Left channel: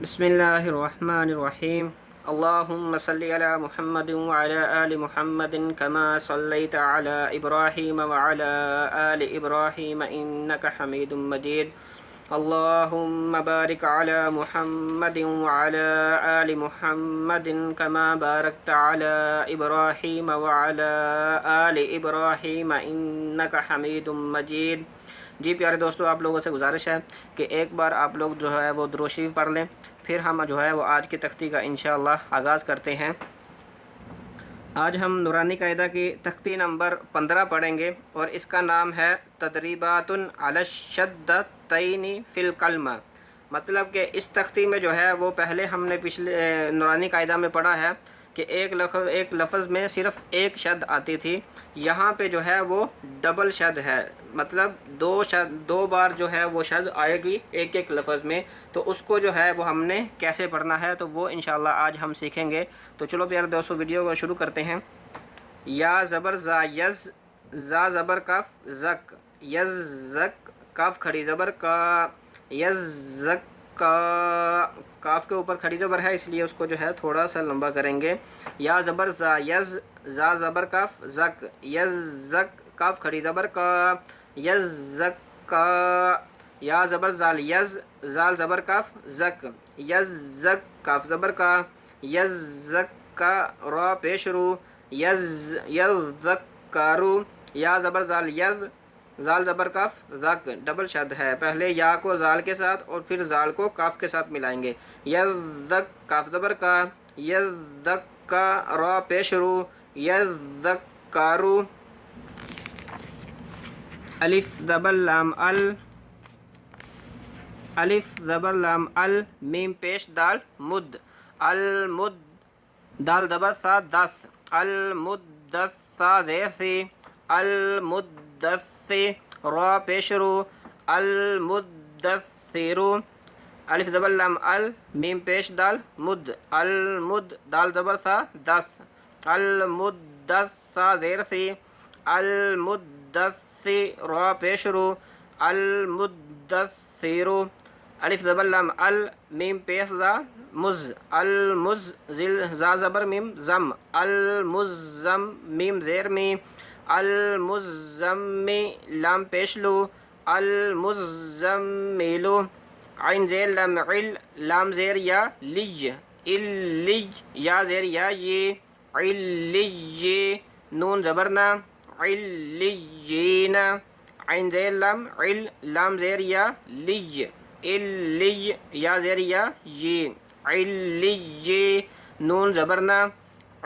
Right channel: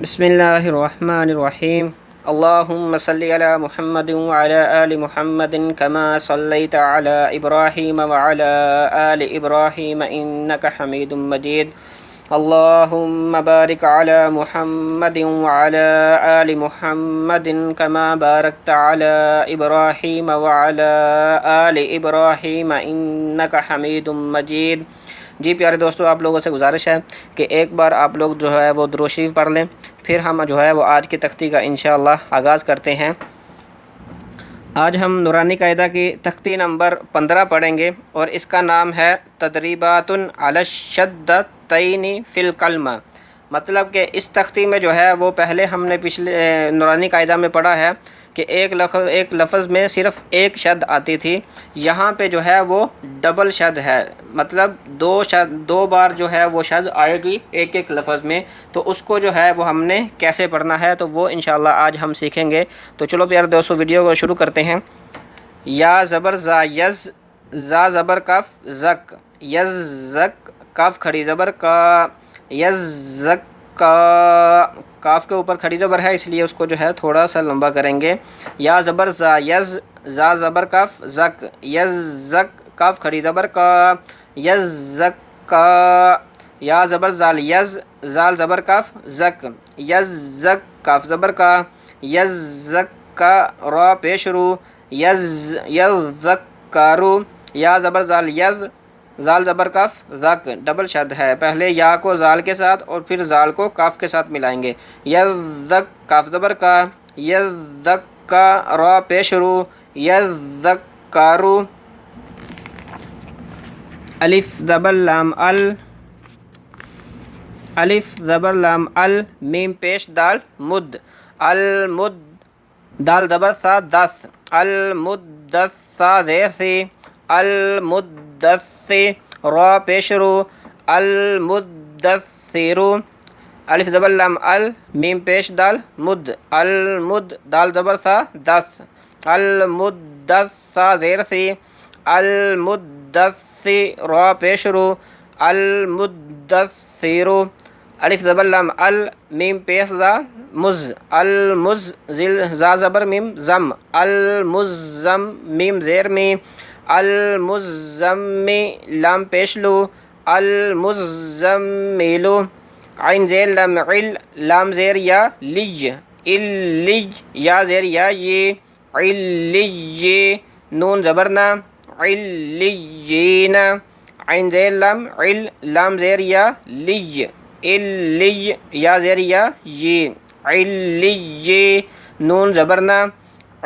बिस्मिल्लाहिर्रहमानिर्रहीम। अल्लाहुम्मा सल्लि अला मुहम्मद व अला आलि मुहम्मद कमा सल्लैत अला इब्राहीम व अला आलि इब्राहीम इन्नका हमीदुम मजीद। अल्लाहुम्मा बारिक अला मुहम्मद व अला आलि मुहम्मद कमा बारकत अला इब्राहीम व अला आलि इब्राहीम इन्नका हमीदुम मजीद। जी प्यारे दोस्तों, आप लोगों से गुजारिश है कि एक बार आप लोग जो है वो दुरूद शरीफ पढ़ लें, फिर हम जो है वो आज की तख्ती का इंशाअल्लाह आगाज़ करते हैं। आज हम नूरानी कायदा की तख्ती नंबर 15 पढ़ेंगे और इसका नाम है तदरीबातुन अला शद्दतैनि फ़िल कलमा। मतलब कि इस तख्ती में जो है वो पहले हमने पिछले नूरानी कायदा में पढ़ा है कि एक लफ्ज़ में सिर्फ़ एक शद आती थी, यहाँ पे जो है वो डबल शद है। मतलब दो बार जो है वो शद आएगी एक एक लफ्ज़ में, तो उसको जो है वो हमने कैसे पढ़ना है तो वो इंशाअल्लाह आज हम सीखेंगे। तो चलो प्यारे दोस्तों, वीडियो को शुरू करते हैं। या ज़बर ज़ा यज़, ज़ा ज़बर कफ ज़क, यज़ ज़क, कफ खड़ी ज़बर का, यज़ ज़क का, काफ के ऊपर खड़ी ज़बर है इसलिए उसको जो है थोड़ा सा लंबा करेंगे। या ज़बर ज़ा यज़, ज़ा ज़बर कफ ज़क, यज़ ज़क, कफ खड़ी ज़बर का, यज़ ज़क का। या ज़बर ज़ाल यज़, ज़ाल ज़बर कफ ज़क, यज़ ज़क, कफ ज़बर का, यज़ ज़क का, रा पेश रू, यज़ ज़क कारू। या ज़बर ज़ाल यज़, ज़ाल ज़बर कफ ज़क, डबल शद है। पहले या को ज़ाल के साथ और फिर ज़ाल को काफ के साथ मिलाएंगे। यज़्ज़क, काफ ज़बर का, यज़्ज़क का, रा पेश रू, यज़्ज़क कारू। अलिफ ज़बर लाम अल, अलिफ ज़बर लाम अल, मीम पेश दाल मुद, अल मुद, दाल ज़बर सा दस, अल मुद्दस्सा ज़ेर से, अल मुद्दस्से, रा पेश रू, अल मुद्दस्सिरु। अलिफ ज़बर लाम अल, मीम पेश दाल मुद, अल मुद, दाल ज़बर सा दस, अल मुद्दस्सा ज़ेर से, अल मुद्दस्सी, रा पेश रू, अल मुद्दस्सिरु। अलिफ ज़बर लाम अल, मीम पेश ज़ा मुज़, अल मुज़, ज़िल ज़ा ज़बर मीम ज़म, अल मुज़्ज़म, मीम ज़ेर में, अल मुज़्ज़म्मि, लाम पेश लू, अल मुज़्ज़म्मिलु। आइन ज़ेर लाम इल, लाम ज़ेर या लिज, इल्लिज, या ज़ेर या ये, इल्लिये, नून ज़बरना, इल्लियीना। आइन ज़ेर लाम इल, लाम ज़ेर या लिज, इल्लिय, या ज़ेर या ये, इल्लिये, नून ज़बरना,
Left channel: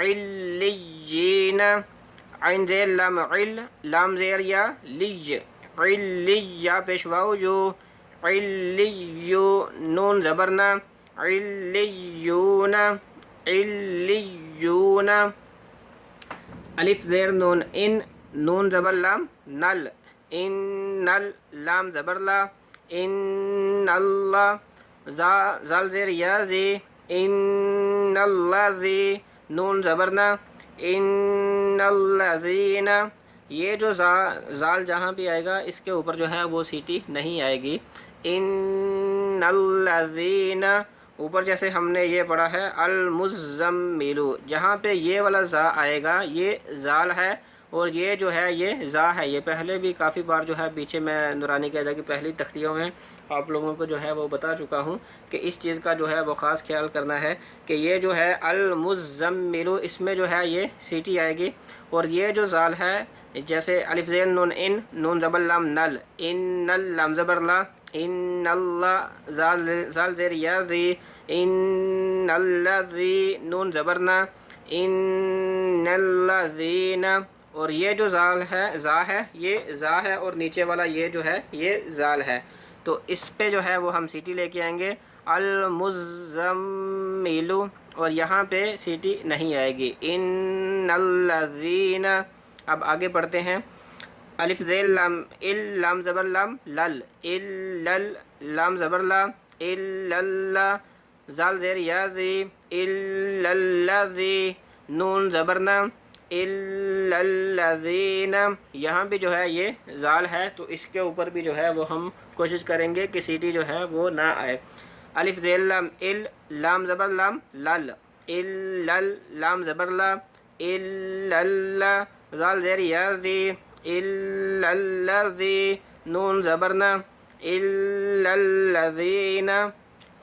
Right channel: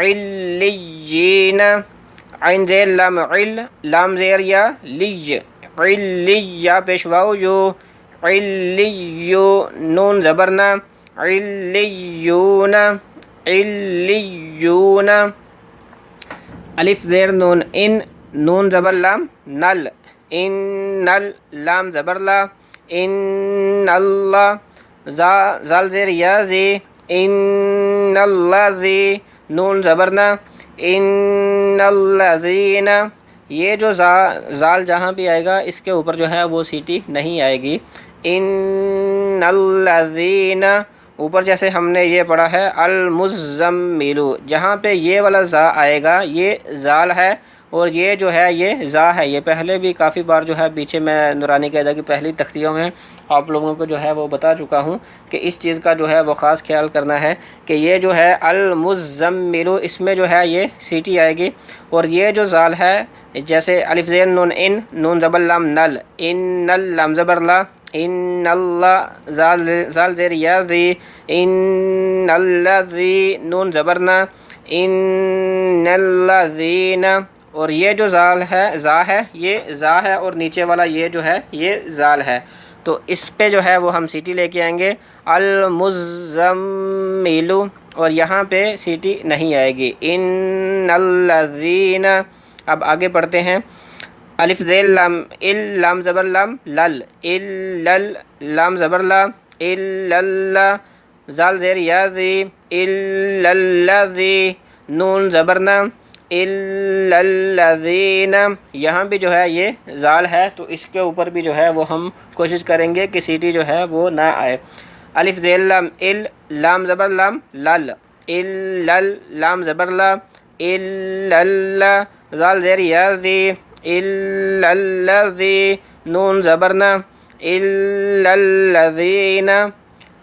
इल्लियीना। आइन ज़ेर लाम इल, लाम ज़ेर या लिज, इल्लिय, या पेशवाओ यो, इल्लियो, नून ज़बरना, इल्लियूना, इल्लियूना। अलिफ ज़ेर नून इन, नून ज़बर लाम नल, इन नल, लाम ज़बर ला, इन अल्लाह, ज़ाल ज़ेर या ज़े, इन अल्लाह ज़े, नून ज़बरना, इन अल्लाज़ीना। ये जो ज़ाल जहाँ भी आएगा इसके ऊपर जो है वो सीटी नहीं आएगी। इन अल्लाज़ीना, ऊपर जैसे हमने ये पढ़ा है अल मुज़्ज़म्मिलु, जहाँ पे ये वाला ज़ा आएगा ये ज़ाल है और ये जो है ये ज़ा है। ये पहले भी काफ़ी बार जो है पीछे मैं नूरानी कायदा की पहली तख्तियों में आप लोगों को जो है वो बता चुका हूँ कि इस चीज़ का जो है वो ख़ास ख्याल करना है कि ये जो है अल मुज़्ज़म्मिलु, इसमें जो है ये सीटी आएगी। और ये जो ज़ाल है जैसे अलिफ ज़ेर नून इन, नून ज़बर लाम नल, इन नल, लाम ज़बर ला, इन अल्लाह, ज़ाल ज़ेर या ज़ी, इन अल्लाज़ी, नून ज़बरना, इन अल्लाज़ीना। और ये जो ज़ाल है ज़ा है, ये ज़ा है और नीचे वाला ये जो है ये ज़ाल है। तो इस पे जो है वो हम सीटी लेके आएंगे अल मुज़्ज़म्मिलु, और यहाँ पे सीटी नहीं आएगी। इन अल्लाज़ीना। अब आगे पढ़ते हैं। अलिफ ज़ेर लाम इल, लाम ज़बर लाम लल, इल्लल, लाम ज़बर ला, इल्लल्ला, ज़ाल ज़ेर या ज़ी, इल्लल्लाज़ी, नून ज़बरना, इल्लल्लज़ीना। यहाँ भी जो है ये ज़ाल है तो इसके ऊपर भी जो है वो हम कोशिश करेंगे कि सीटी जो है वो ना आए। الف زیر لام ال، لام زبر لام لل، الل، لام زبر لا، الل، زال زیر یا ذی، الذی، نون زبرنا، الذین،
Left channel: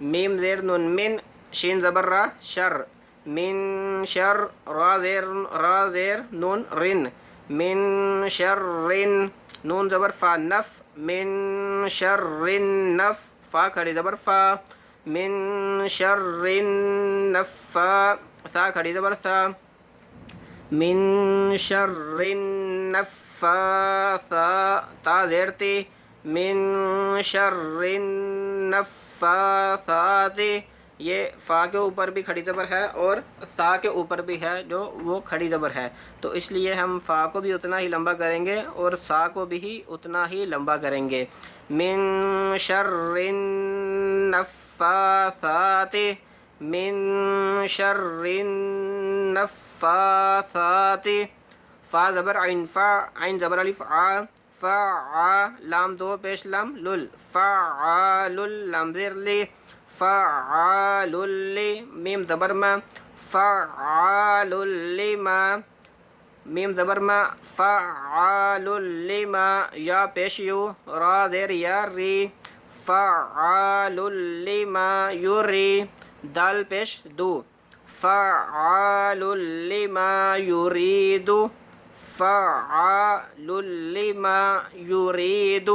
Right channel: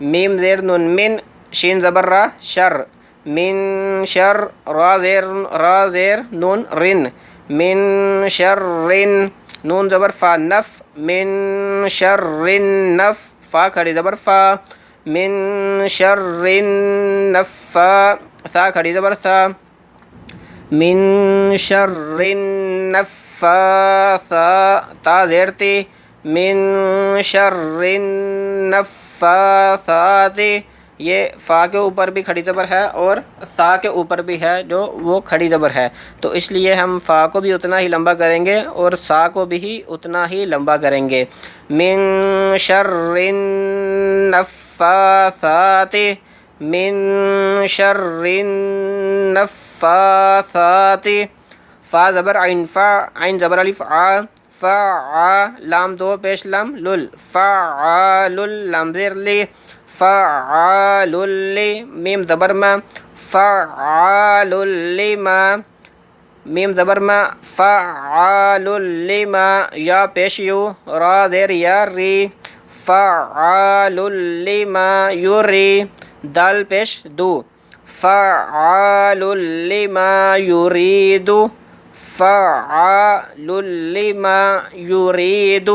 میم زیر نون من، شین زبر را شر، من شر، را زیر نون رن، من شر رن، نون زبر فا نف، من شر نف، فا کھڑی زبر فا، من شر نفا، سا کھڑی زبر سا، من شر نفاثا، تا زیر تی، من شر نفاثات، یہ فا کے اوپر بھی کھڑی زبر ہے اور سا کے اوپر بھی ہے جو وہ کھڑی زبر ہے، تو اس لیے ہم فا کو بھی اتنا ہی لمبا کریں گے اور سا کو بھی اتنا ہی لمبا کریں گے۔ من شر النفاثات، من شر النفاثات، فا زبر عین فا، عین زبر الف آ، فا، لام دو پیش لام لل، فعال، لام زیر لی، فعال لی، میم زبر ما، فعال لما، میم زبر ما، فعال لما، یا پیش یو، را زیر یا ری، فعال لما یوری، دال پیش دو، فعال لما یرید، فعال لما یرید۔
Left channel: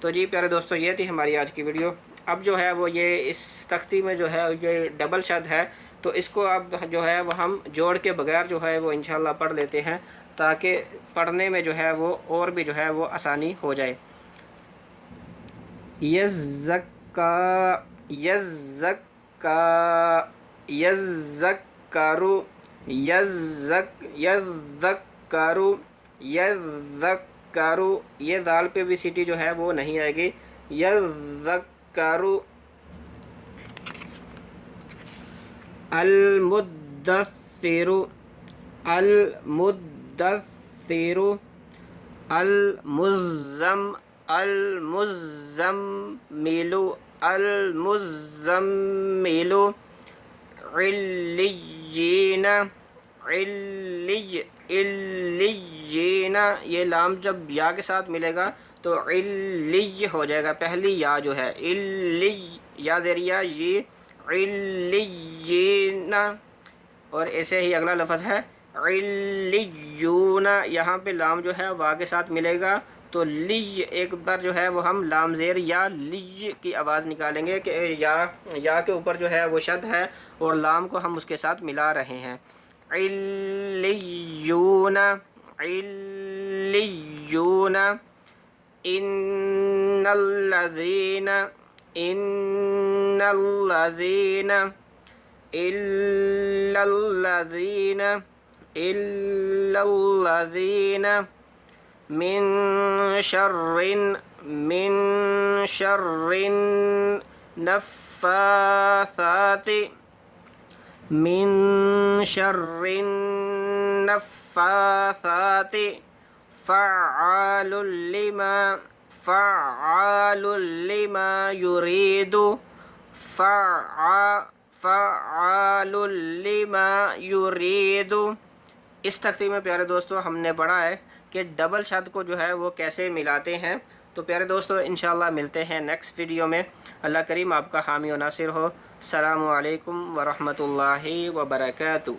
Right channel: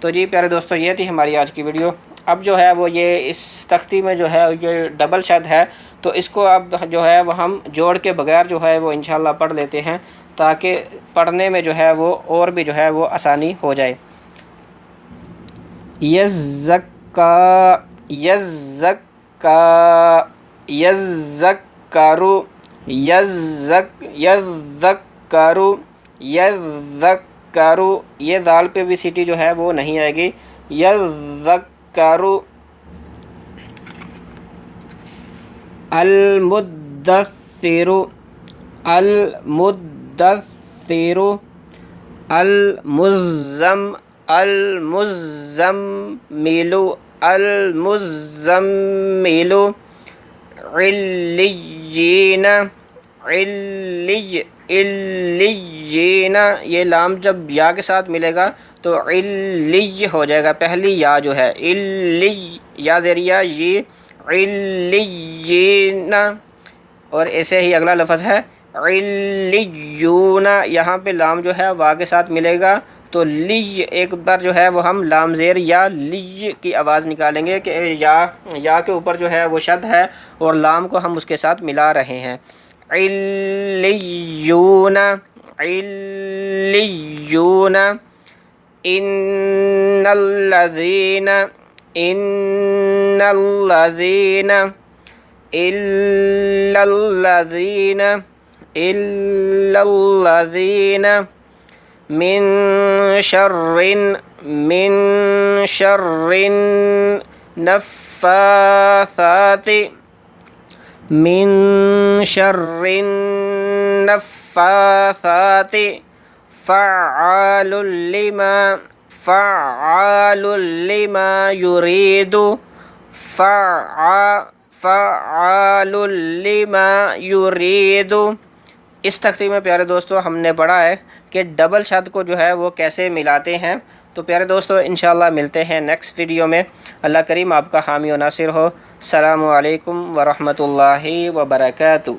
تو جی پیارے دوستو، یہ تھی ہماری آج کی ویڈیو۔ اب جو ہے وہ یہ اس تختی میں جو ہے یہ ڈبل شد ہے، تو اس کو اب جو ہے وہ ہم جوڑ کے بغیر جو ہے وہ انشاءاللہ پڑھ لیتے ہیں، تاکہ پڑھنے میں جو ہے وہ اور بھی جو ہے وہ آسانی ہو جائے۔ یزکا، یزکا، یذکرو، یذکرو، یذکرو، یہ دال پہ بھی سیٹی جو ہے وہ نہیں آئے گی، یذکرو۔ المدثر، المدثر، المزم، المزمل، المزمل، علیین، علیین، یہ لام جب یا کے ساتھ ملے گا تو علی ہو جائے گا، پہلی یا جو ہے علی، یا زیریا یہ، علیین، اور ایسے ہی اگلا لفظ ہے علیون، یہاں پہ لام جو ہے وا کے ساتھ ملے گا تو لی، ایک بار جو ہے وہ ہم لام زیر یا لی کی آواز نکالیں گے کہ یا کے اوپر جو ہے وہ شد ہے اور لام کو ہم اس کے ساتھ ملا رہے ہیں، علیون، علیون، ان الذین، ان الذین، الا الذین، الا الذین، من شر، من شر النفاثات، من شر النفاثات، فعال لما، فعال لما یرید، فعال لما یرید۔ اس تختی میں پیارے دوستو ہم نے پڑھا ہے کہ ڈبل شد کو جو ہے وہ کیسے ملاتے ہیں۔ تو پیارے دوستو انشاءاللہ ملتے ہیں نیکسٹ ویڈیو میں۔ اللہ کریم آپ کا حامی و ناصر ہو۔ السلام علیکم ورحمۃ اللہ وبرکاتہ۔